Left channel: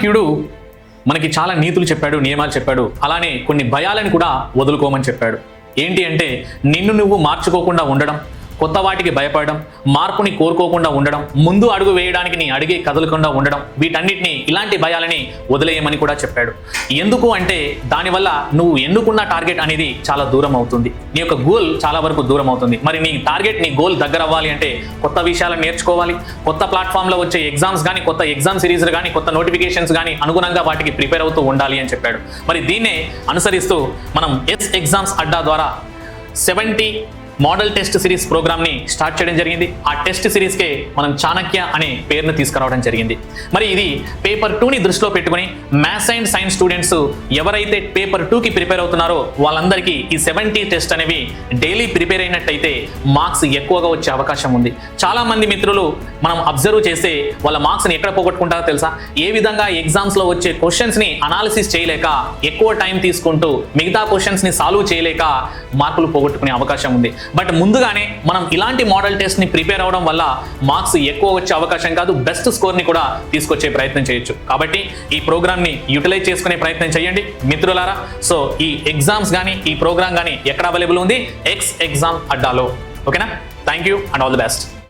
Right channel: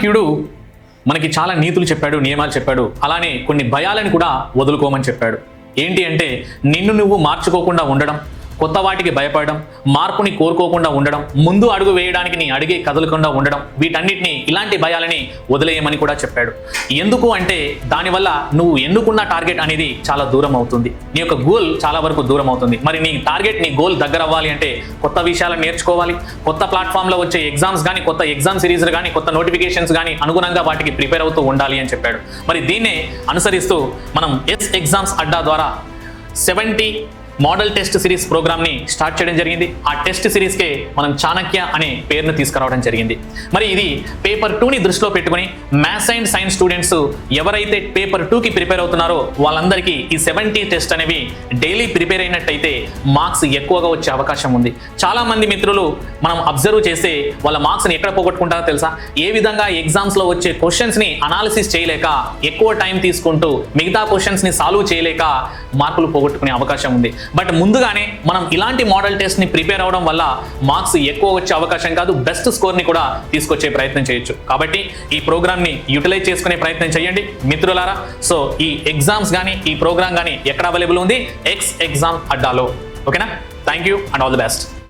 చాణక్యుడు మనకి చాలా నీతులు చెప్పాడు నియమాలు చెప్పాడు. అలానే కొన్ని భయాలను కూడా వదులుకోమని చెప్పాడు. ఏంటి అంటే నిన్ను నువ్వు మార్చుకోకుండా ఉండడం కొత్త వాటికి భయపడడం మార్పుని కోరుకోకుండా ఉండడం ముందు అడుగు వేయడానికి నీ అడిగే కదలకుండా ఉండడం వీటన్నిటిని ఇలాంటి భయాలని వదిలేయమని కూడా చెప్పాడు. ఎందుకు అంటే దానివల్ల నువ్వు ఎన్నుకున్న టార్గెట్ అనేది చాలా దూరం అవుతుంది. నీ యొక్క గోల్ చాలా వరకు దూరం అవుతుంది. మరి నీ టార్గెట్ నీ గోల్ దగ్గర అవ్వాలి అంటే కొత్త విషయాలు నేర్చుకోవాలి. కొత్త ప్లాట్ఫామ్లో వచ్చే ఎగ్జామ్స్ కానీ కొత్త ఎగ్జామ్ సిరీస్ కానీ కొత్త నోటిఫికేషన్స్ కానీ అనుగుణంగా వాటికి ప్రిపేర్ అవుతూ ఉండాలి అని చెప్పాడు. మరి దీన్ని అనుసరిస్తూ నేను ఎస్ ఎగ్జామ్స్ అడ్డా ద్వారా సెవెంటీ మోడల్ టెస్ట్ సిరీస్ ప్రోగ్రామ్ని స్టార్ట్ చేయడం జరిగింది. ఆ టెస్ట్ సిరీస్కి మనం చాణక్య అనే పేరును తీసుకురావడం జరిగింది. మరి ఇది పేపర్ టూ ని దృష్టిలో పెట్టుకుని మ్యాథ్స్ అండ్ సైన్స్ స్టూడెంట్స్ ఎవరైతే పేపర్ టూ కి ప్రిపేర్ అవుతున్నారో వాళ్ళందరికీ ఈ సెవెంటీ టెస్ట్ అనేవి డైలీ ప్రిపేర్ అయినట్టయితే మార్క్స్ ఎక్కువగా వచ్చే అవకాశం ఉంది. చాలా మంది మిత్రులు మనం అబ్జర్వ్ చేసి వాళ్ళ మార్క్స్ని ఎక్కడ పోగొట్టుకుంటారో తెలుసా? ఏ విధంగా ఎగ్జామ్స్లో వచ్చే క్వశ్చన్స్ని అనాలిసిస్ చేయలేక ఎక్కువ టైం తీసుకుంటూ మిగతా క్వశ్చన్స్ని సాల్వ్ చేయలేక మార్కులు పోగొట్టుకునే అవకాశం ఉంది. బట్ ముందుగానే మనం ఇలాంటి మోడల్ టెస్ట్ని ప్రిపేర్ అవడం వల్ల మార్క్స్ ఎక్కువ వచ్చే అవకాశం కాదు బెస్ట్ స్కోర్ని కూడా తీసుకొచ్చే ప్రయత్నం చేయొచ్చు. కాబట్టి ఈ ప్రోగ్రామ్ని యూటిలైజ్ చేసుకునే ప్రయత్నం చేయండి మిత్రులారా. సో ఈ ఎగ్జామ్స్ కానీ ఈ ప్రోగ్రామ్ కానీ ఎక్కడ అవైలబుల్ ఉంది? ఎక్స్ ఎగ్జామ్ అడ్డాలో. ఓకేనా thank you and all the best